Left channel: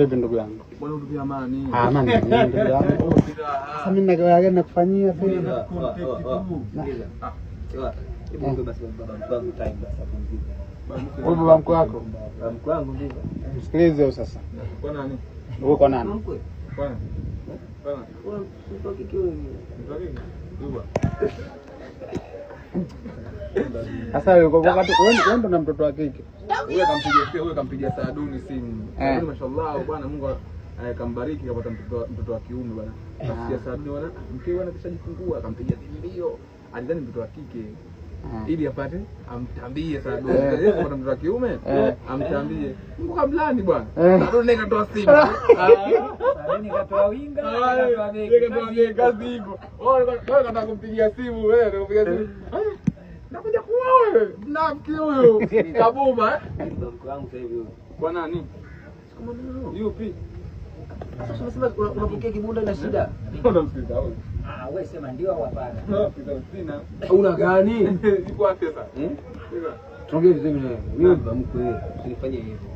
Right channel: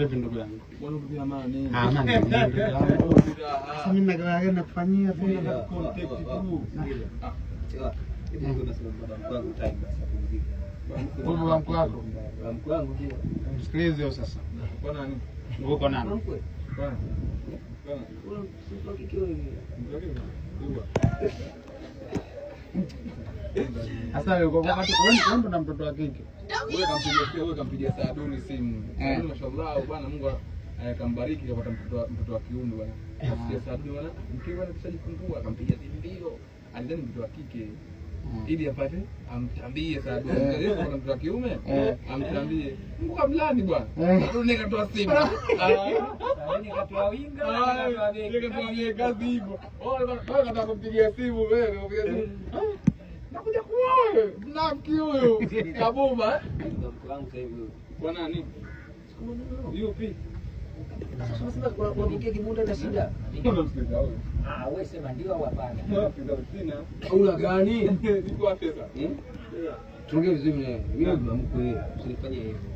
Vipi ndugu yangu? Bwana ndugu ya amani. Amani ndugu yangu. Sasa mimi na kufanyia pia. Hebu basi baba mkwangu time basi apumzike. Wewe baba mkwe wako? Baba mkwangu ndio. Msikilize sasa. Kwa nani? Wewe kwa nani? Mkwe. Kwa nani? Kwa nani? Wewe mtoto kike wewe. Mtoto kike? Yuba. Sasa wakati wewe ndo na mtoto wa kike. Wewe kampigia Saaduni simu. Saaduni mashallah bwana Mungu kambariki kapata mtoto wa kiume bwana. Nasikia Saaduni bwana mke bwana kishajifungua akampigia mbio. Alidhani mtoto wa kike. Ili apate amtambie Saaduni. Yeye kapata mtoto wa kiume amtambie. Mungu kamlani bwana. Saaduni katoa simu. Saaduni katoa winga, katoa begi kazi hivyo. Wewe unataka kumpigia simu wewe unapigia simu. Nakuja kuoa mnamki huyu kabuma baba mkwangu sasa hivi. Kwa nani? Kama nani? Yupi? Sasa unasema unapokea kibunda ina shida. Unamsikiza wewe? Wewe sema ndio au hapana? Unamsikiza sina. Una gani? Iko wapi sasa? Tuongee vizuri na wewe baba mkwe, usinifanye hivyo.